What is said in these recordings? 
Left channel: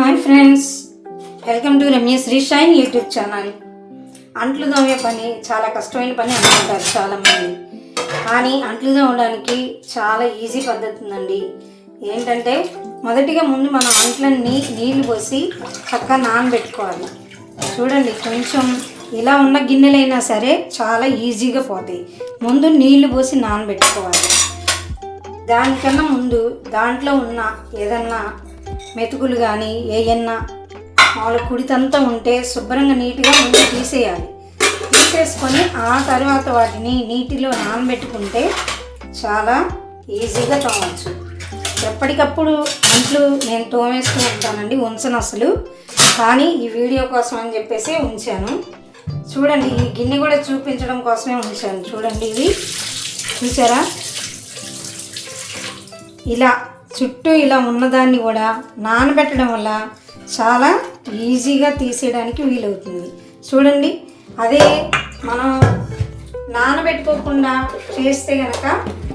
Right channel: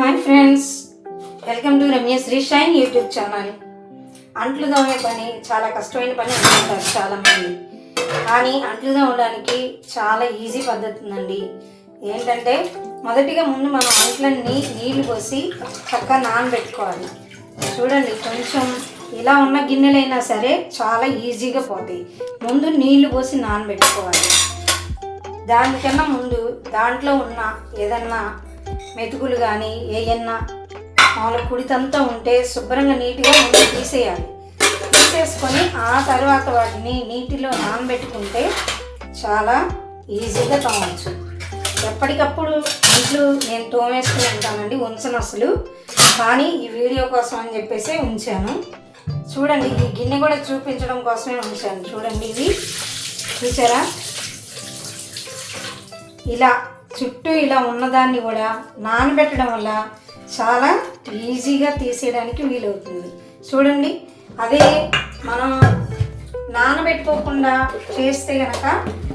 Hi friends welcome to Ramya Sri shine YouTube channel. అంట్లు తోమే పని చాలా కష్టమైన పని అనుకుంటారు చాలామంది. కానీ అంట్లు తోమడానికి చాలా ఈజీ పద్ధతి ఉందండి. ఏంటంటే మొదటిగా ముందు మనం అంట్లన్నీ నీళ్ళు పోసి చక్కగా నానబెట్టుకోవాలి. చూడండి కొంచెం ఇలా ఉన్న గిన్నెలైనా సరే చాలా ఈజీగా పోతాయి. ముందు నీళ్ళు పోసి నానబెట్టుకోవాలి. దానికన్నా ముందు దాంట్లో ఉన్న ఏదన్నా మెతుకులు కానీ ఏయన్నా మామూలు కుడితంతా ఉంటే శుభ్రంగా నీట్గా ముందు తీసేయాలి. తీసేసుకొని ఆ తర్వాత వాటిని నీటిలో నానబెట్టుకుంటే చాలా ఈజీగా తోమవచ్చు ఎప్పటికప్పుడు అంట్లు నేను తోమేసుకుని ఉంటానండి ఉంచను అసలు. కానీ ఈ వీడియో కోసం అని చెప్పేసి ఉంచాను. చూడండి ఈ గిన్నె కూడా చూపించడం కోసమే ఉంచాను. చూడండి ఇది. చూసారా? ఇలా చుట్టూ ఇలా ఉన్నదాన్ని కూడా నానబెట్టడం వల్ల చాలా ఈజీగా తీసేయడానికి వీలవుతుంది. చూడండి అదే మనం నానబెట్టుకోకుండా చేస్తే కనుక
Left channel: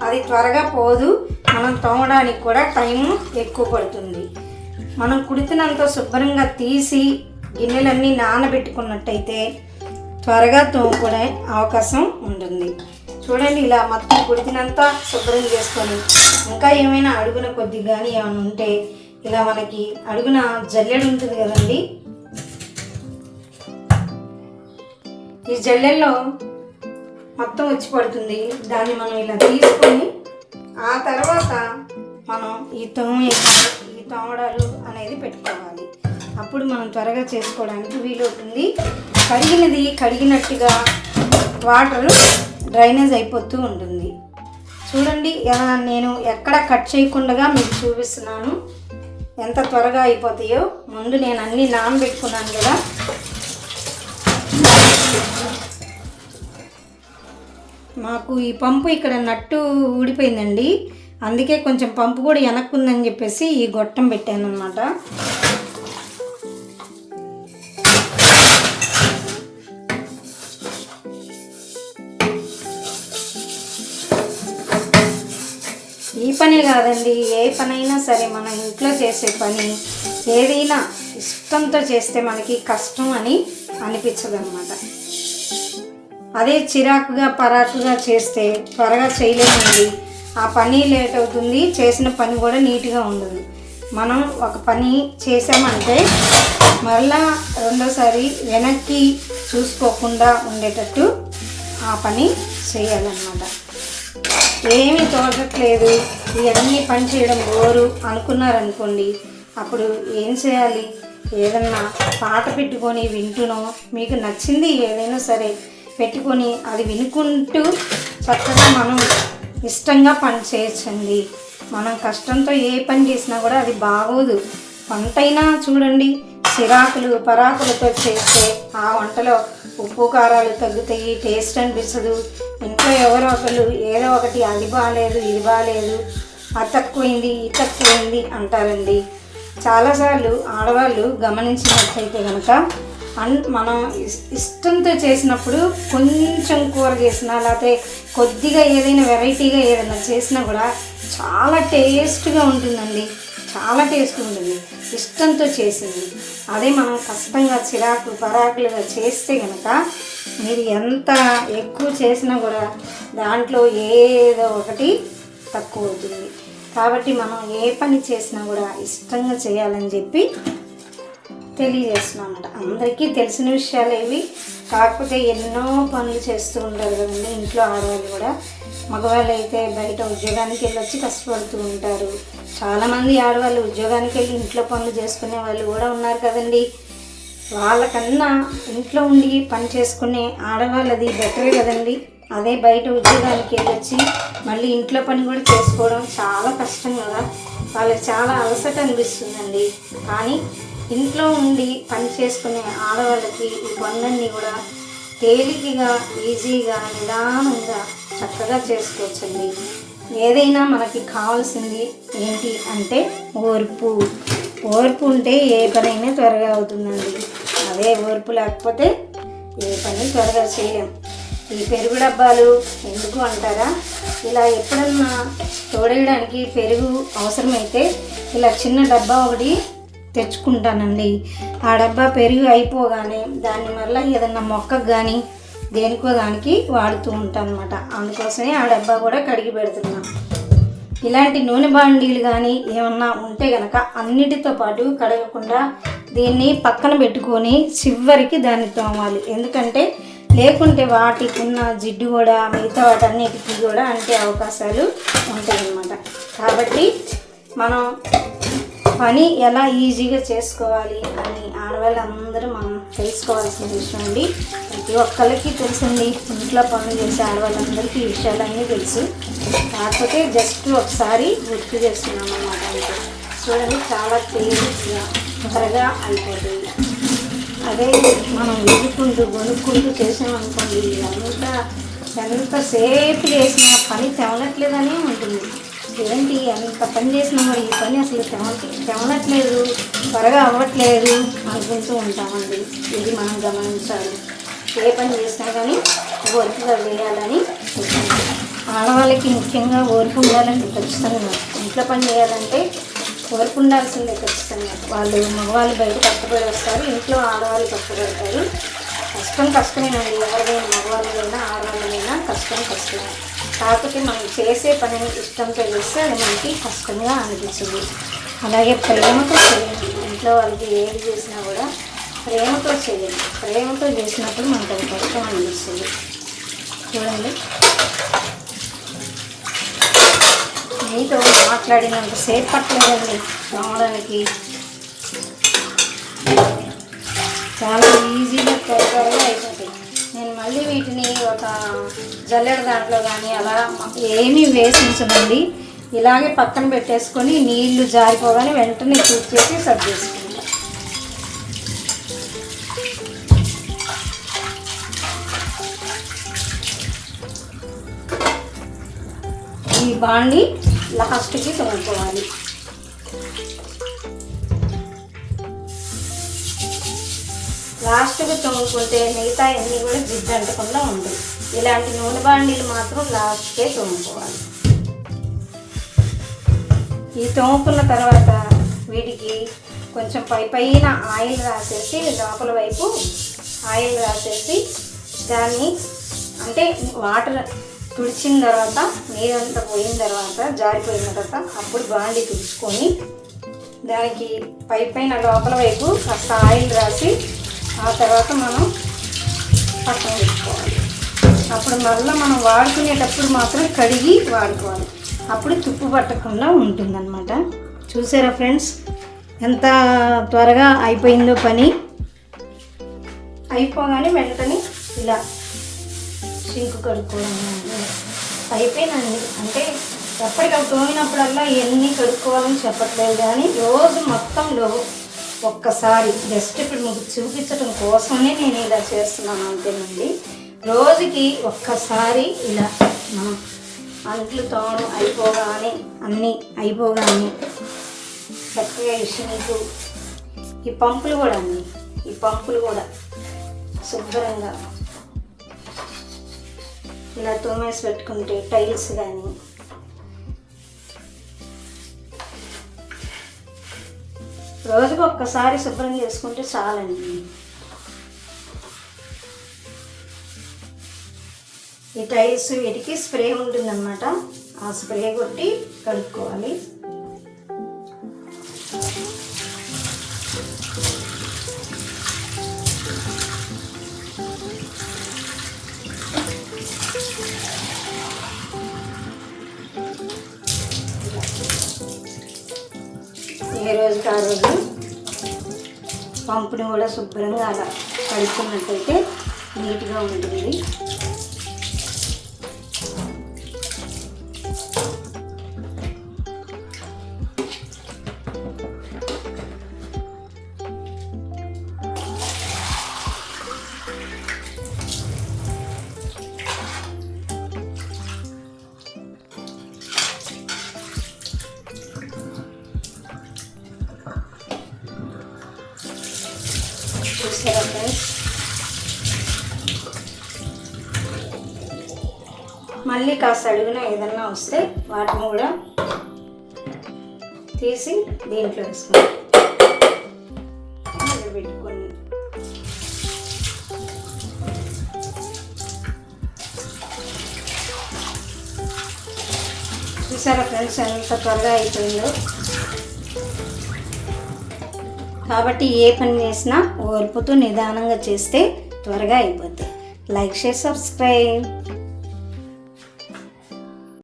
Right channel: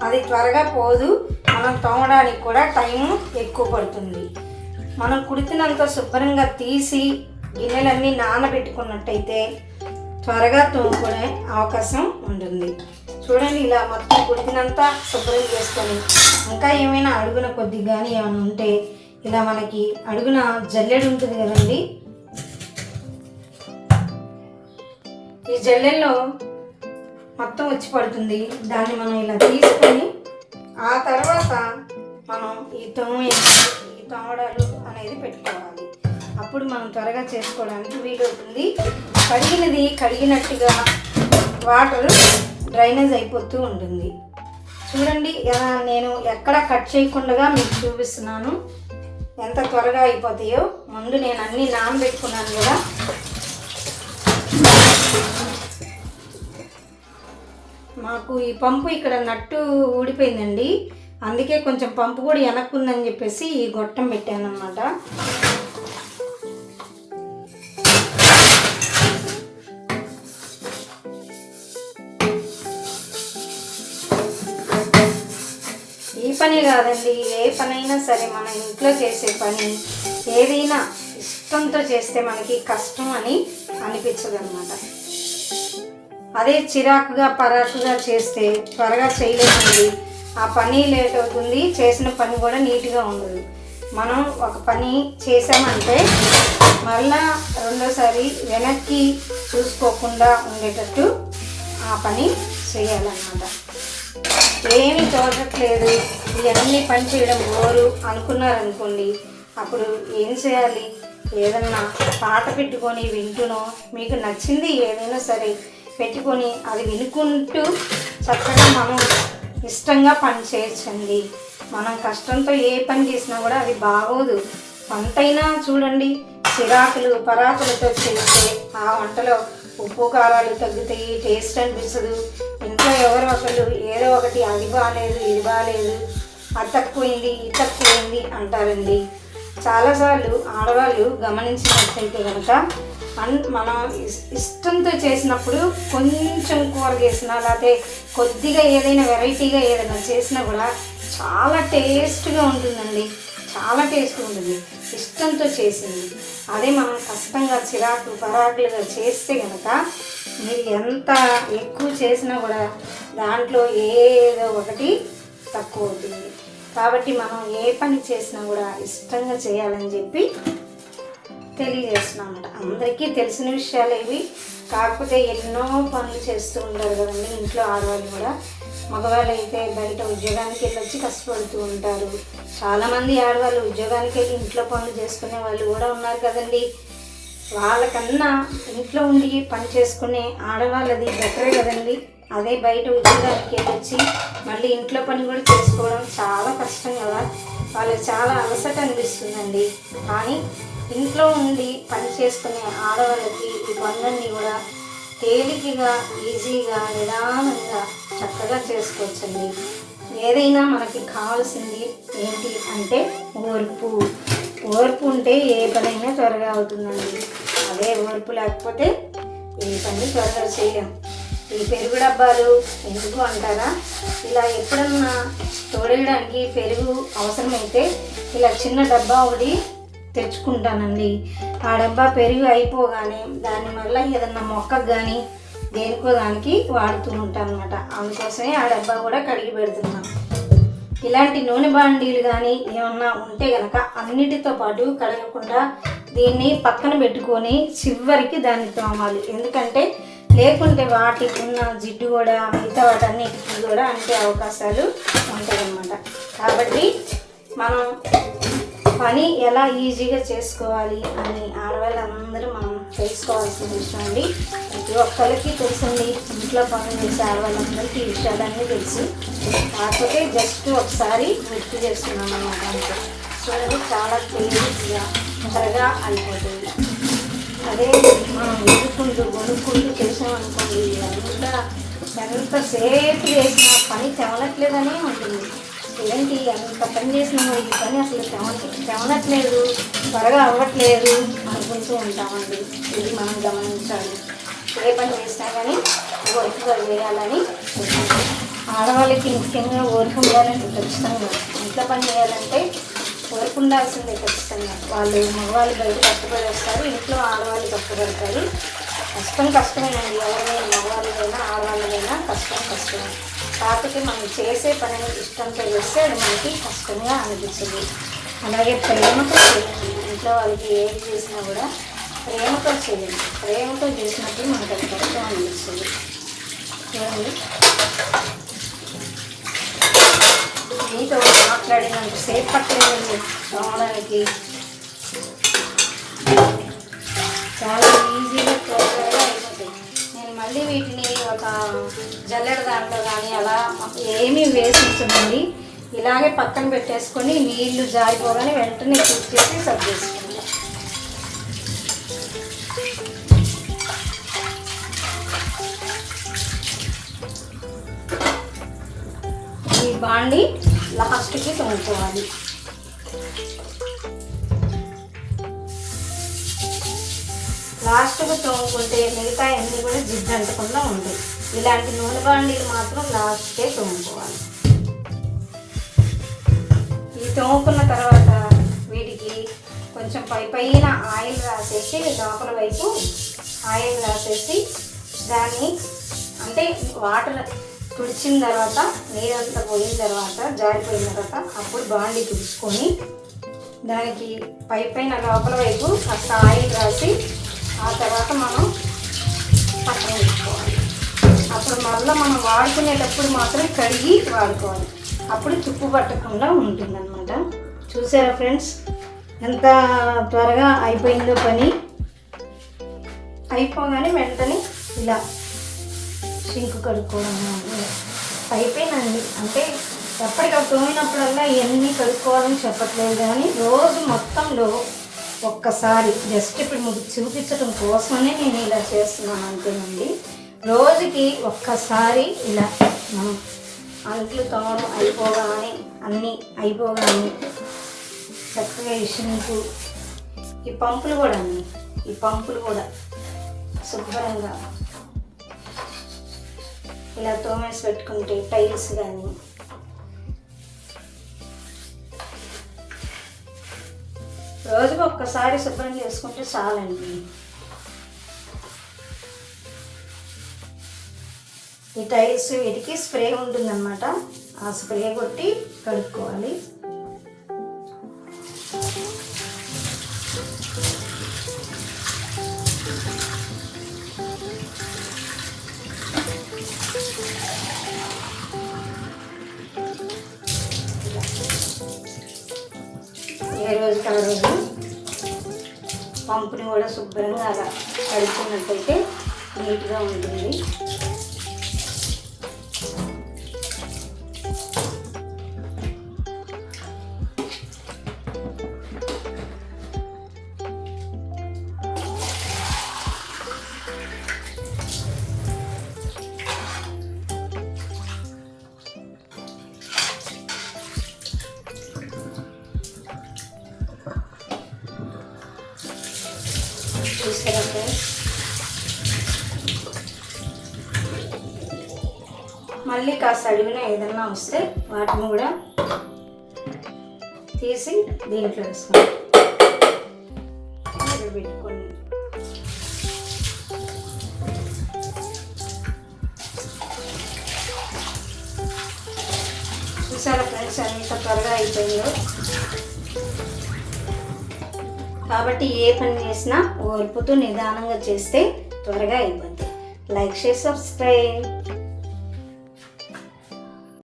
అది త్వరగా పోదు. మనం తోమడానికి కూడా టైం ఎక్కువ పడుతుంది. మనం కుడితినంత శుభ్రంగా తీసి గిన్నెలన్నీ నానబెట్టుకున్నట్టయితే త్వరగా తోముకునే అవకాశం ఉంటుంది. చూడండి ఇలా మొత్తం కుడితినంతా శుభ్రం చేసుకొని. ఇంకా ఏమైనా అడుగున కొద్ది కానీ ఏమైనా ఉంటే ఇలా మనకి అడుగున జల్లెడు ఉంటుంది కదండి? ఈ జల్లెల్లో మొత్తం వచ్చి పడుతుంది. దాన్ని మనం ఇలా తీసుకొని ఆ తర్వాత మనం ఈ తోమ ఈ తోమడాలు అనేది పెట్టుకోవాలి. అప్పుడు మనం త్వరగా చేసుకోవడానికి వీలవుతుంది కడిగినది కడిగినట్టుగా వాటరు డ్రైనేజ్ అయిపోతూ ఉంటుంది. చూడండి ఎలా నేను ఎక్కడ కట్ చేయకుండా మీకు చూపిస్తున్నాను. ఎంత త్వరగా అయిపోతాయో. ముందు నేను అన్నీ నానబెట్టుకున్నాను కదా. మాకు ఈ పంపు ఇక్కడ నట్టు ఊడిపోయిందండి. అందుకే కొంచెం పంపు కూడా వెనక్కుందని చెప్పేసి ఈ గొట్టం పెట్టాను అన్నమాట పనే కాదండి. ఏ పనైనా సరే మనం ఇంట్లో చేసే పని ఏదైనా ఇష్టంతో చేస్తే మనకి కష్టం అని అనిపించదు అనమాట అదే చిరాకుగా పరాకుగా చేస్తే త్వరగా చేయలేమండి. ఆ పని లేట్ అవుతుంది. చేసిన పని కూడా నీట్గా ఉండదు. మనం ఒక పని చేసామంటే మళ్ళా రెండోసారి వెనక్కి చూసుకోకుండా ఉండేటట్టు ఆ పని చేయాలన్నమాట. ఏమి తోచట్లేదు. ఇవన్నీ పని చేయడం బోరు అనుకున్నారనుకోండి అప్పుడు ఏం చేయాలి? ఏదన్నా పాట పెట్టుకొని వింటునో మీకు నచ్చింది ఏదైనా సరే పెట్టుకొని అది వినుకుంటూ చక్కగా మనం ఇష్టంగా పని చేయొచ్చండి. మనం కష్టంతో ఏ పని చేసినా కూడా అది బాగోదు. వంటైనా చూడండి చిరాకులు పరాకులతో చేస్తే ఆ వంటలో ఉప్పు కారాలు తగ్గుతాయి టేస్ట్ అనిపిస్తుంది. ఇంట్లో ఎవరో ఒకరు ఏదో ఒకటి అది బాగాలేదు ఇది బాగాలేదు తక్కువైంది ఇది తక్కువైంది అంటారండి. చాలాసార్లు ఆడవాళ్ళు గమనించినట్లయితే కనుక అన్ మనం ఇష్టంతో చేసినప్పుడు కొంచెం కూర చేసినా లేకపోతే కొద్దిగా ఏదైనా వెరైటీగా ఏదైనా చేసినా కూడా చాలా టేస్ట్గా ఉంటుందండి. చాలా టేస్ట్ ఉంటుంది. ఇష్టంతో చేసింది. అదే మనం కష్టంగా చిరాకు పరాకులుగా చేస్తే కనుక మీరు ఎంత ఎక్కువ చేసినా కూడా దాంట్లో ఏదో ఒకటి తక్కువ అవుతుంది కాబట్టి మనం ఏ పని చేసినా కూడా ఇష్టంగా చేయాలని చెప్పి తెలియజేస్తున్నాం అన్నమాట. అందరికీ తెలిసిన విషయాలు ఏవి కాకపోతే ఎన్నో పనులు చేస్తూ ఉంటారు కదండి. ఇంట్లో ఆడవాళ్ళు కూడా. మగవాళ్ళు అయితే బయట ఉద్యోగానికి వెళ్ళొచ్చి కష్టపడుతూ ఉంటారు. చాలామంది ఆడవాళ్ళు ఉద్యోగానికి వెళ్ళి ఇంట్లో పనులు చేసుకునే వాళ్ళు కూడా ఉన్నారు కదండి. వాళ్ళకన్నా ఇంట్లో ఉండి పని చేసుకునే ఆడవాళ్ళది బెటరే కదండి. అదే బయట ఉద్యోగానికి వెళ్ళొచ్చి మళ్ళీ ఇంట్లో పని కూడా చేసుకోవడం చాలా కష్టం కదా. వాళ్ళకి చాలా అలసట అనిపిస్తుందండి. కానీ ఇంట్లో ఉండి పని చేసుకునే ఆడవాళ్ళకి ఈ పనులన్నీ కూడా తేలికగా ఈజీగా నిదానంగా చక్కగా చేసుకోవచ్చండి. ఏదైనా మనకి కావాల్సింది ఏంటి అంటే ఓర్పు. ఓర్పు ఉంటే ఏ పనైనా త్వరగా అవుతుందండి. అదే ఓర్పు లేకపోతే ఏ పని త్వరగా చేయలేము ఈ పెరుగు డబ్బాలు ఎందుకు అంటారా? ఇలా ఎప్పుడన్నా తోడేయడానికి పెరుగు అవసరమైతే ఇలా చిన్న డబ్బా ఒకటి తెచ్చుకుంటానండి. ఆ డబ్బా పెరుగు అయిపోగానే దానివల్ల ఏదన్నా మొక్కకు కానీ దేనికో దానికి వాడుతూ ఉంటాను అనమాట అందుకోసమే ఆ డబ్బా కూడా కడిగి పెడుతున్నాను ఇలాంటి నూనె బాండీలు కానీ ఏమన్నా ఉంటే కనుక అన్నిటితో పాటు కడగకుండా దీన్ని పక్కన పెట్టుకొని చివరికి దాన్ని తోమాలి. ఎందుకంటే లేకుంటే వాటికి ఉన్న జిడ్డు కూడా మిగతా వాటన్నిటికీ కూడా అంటే అవకాశాలు ఉంటాయన్నమాట. కాబట్టి మనం పని ఎలా ఈజీగా చేసుకోవాలి అని ఆడవాళ్ళందరూ మనం తెలుసుకోవాల్సిన విషయం అండి. ప్రతి ఒక్కరికి తెలిసింది ఇంట్లో పని చేసే ఆడవాళ్ళందరికీ ఈ విషయాలన్నీ తెలుసు. కాకపోతే జస్ట్ ఒకసారి గుర్తు చేస్తున్నాం అన్నమాట చూడండి చాలా తెలియదు త్వరగా అయిపోతుంది అదే మనం వెతుక్కుంటూ కొనుక్కుంటూ చేసామనుకోండి అంతా ఎంతసేపు చేసిన పని తెవనట్లేదని ఉంటుంది. ఏంటి అంత పని చేసినా ఈ పని అసలు తెవ తెవనట్లేదు త్వరగా అవ్వట్లేదు అనుకుంటూ ఉంటామండి. ఇది మనం గమనించాలి. ఏ పని చేసినా కానీ ఓర్పుగా వేయాలని ఆడవాళ్ళకి ముఖ్యంగా ఓర్పు ఉండాలని ఖచ్చితంగా. ఇంట్లో పని చేయాలంటే ఓర్పు ఉండాల్సిందే ఖచ్చితంగా. వాళ్ళు మగవాళ్ళు బయట కష్టపడి వస్తారు ఇంట్లో ఆడవాళ్ళు కష్టపడతారు కష్టం కష్టమేనండి ఎవరైనా మగవాళ్ళైనా ఆడవాళ్ళైనా కష్టం కష్టమే. కాకపోతే మనం చేసే పని ఇష్టంతో చేస్తే అది మనకి కష్టంగా అనిపించింది అలాగే ప్రేమతో చేయండి. ఇంట్లో వాళ్ళకి ఏది చేసినా కూడా ప్రేమతో చేయండి. ప్రేమతో చేసినప్పుడు మనకు అది కష్టం అనిపిస్తుంది. చూడండి మీతో మాట్లాడినంత సేపట్లేదండి. పట్టలేదండి రావడానికి. చాలా ఈజీగా త్వరగా అయిపోతాయి. నేను మళ్ళీ వీటిని ఒక జల్లెడ దాంట్లో కానీ అలా ఏమీ వేసించదండి. ఇలాగే పక్కన పెట్టేసుకొని నీళ్ళు జారిపోగానే వెంటనే పూర్తి చేసి సర్వ్ చేసుకుంటాం ఈ బాండి లాస్ట్కి తోముకోవాలి లాస్ట్గా తోముకుంటే మిగతా ఎన్ని కూడా జిడ్డు అంటకుండా ఉంటాయి. ఇలాంటి నూనె బాండీలు మాత్రం లాస్ట్కే తోముకోవాలి. ఈ తోముకున్న తర్వాత వీటికి కొంచెం పై పైన ఆయిల్ రాసేసి లోపల వైపు ఆయిల్ రాసేసి దాన్ని అంటే వాటర్ తుడిచిన తర్వాత నీరంతా పోయిన తర్వాత జారిపోయిన తర్వాత అప్పుడు బాండి తుడుచుకొని దానికి పై పైన లోపల వైపు కాస్త ఆయిల్ రాసి ఆ తర్వాత మనం పక్కన పెట్టుకోవాలి. అప్పుడు మళ్ళీ మనం వాడుకునేటప్పుడు మాత్రం కడిగి వాడుకోవాలి. అప్పుడు తుప్పు పట్టకుండా ఉంటుందన్నమాట. చూసారా ఫ్రెండ్స్? ఎంత త్వరగా అయిపోయిందో పని. అయిపోగానే వెంటనే ఇలా సింకు కడుక్కోవడం అయిపోయినండి అంటే ఎప్పటికప్పుడు తోమినప్పుడల్లా ఎన్ని కడుక్కోవాలని చెప్పట్లేదు కానీ రోజు మొత్తంలో ఒక్కసారి జస్ట్ ఇప్పుడు మీకు చూపించడం కోసమే నేను ఇలా చేస్తున్నాను అంతేనండి. రోజుకి ఒక్కసారి ఇలా మనం అంట్లు తోడు అయిపోగానే అన్నీ అయిపోగానే చక్కగా ఇషనికి ఈ పంపులు కూడా అండి ఈ పంపులు కూడా శుభ్రంగా ఇలా తోమేసి పెట్టుకుంటే టైల్స్ కానీ. రోజుకు ఒక్కసారి శుభ్రం చేసుకుంటే చాలండి. ఈ టైల్స్ వీటికి స్ప్రే ఉంటుందన్నమాట. ఆ స్ప్రే కొట్టి కడుక్కోవాలి. ఏ రోజుకి ఆ పంపుని కూడా శుభ్రంగా అలా కడుక్కున్నట్టయితే నీట్గా ఉంటుంది. చూసారా ఫ్రెండ్స్ మళ్ళీ కాస్త అడుగున ఏదన్నా వస్తే వాటిని కూడా తీసి దీంట్లో వేసుకుంటాం పెట్టుకొని. చూసారా ఫ్రెండ్స్ ఎంత త్వరగా అయిపోయిందో? కాబట్టి ఏ పని చేసినా ఓర్పుతో నిదానంగా చేస్తే త్వరగా అయిపోద్ది. Like share subscribe.